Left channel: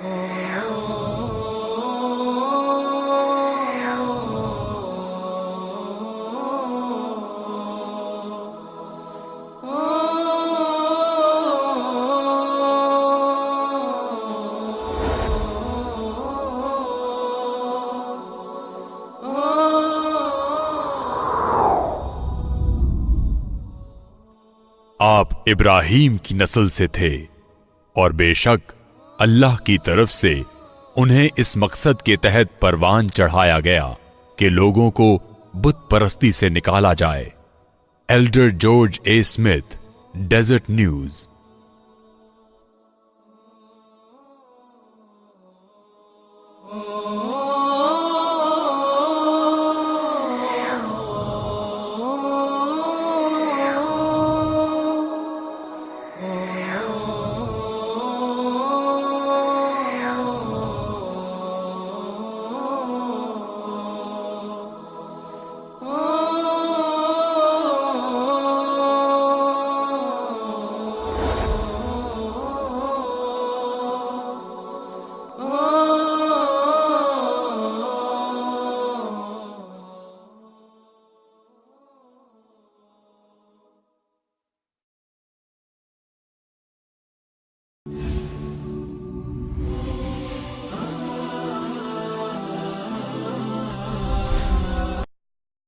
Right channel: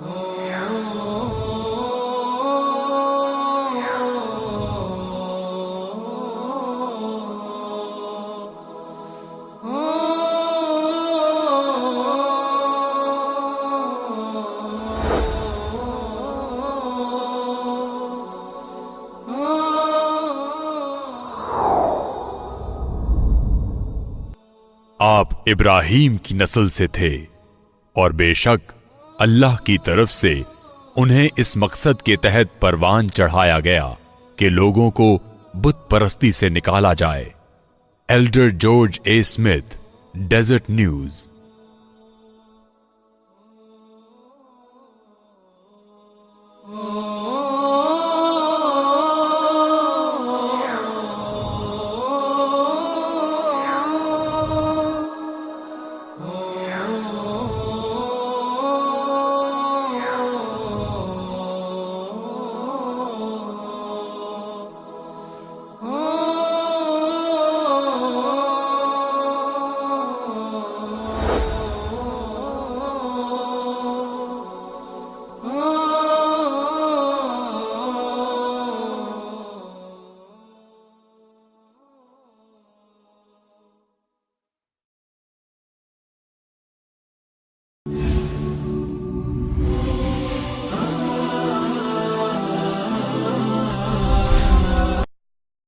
आप इब्राहीम की नस्ल से थे और बेशक अल्लाह की तरफ से उन्हें इस मकसद के तहत परवान चढ़ाया गया कि लोगों को बुत परस्ती से निकाला जाए। Elder George A Smith, Deseret news.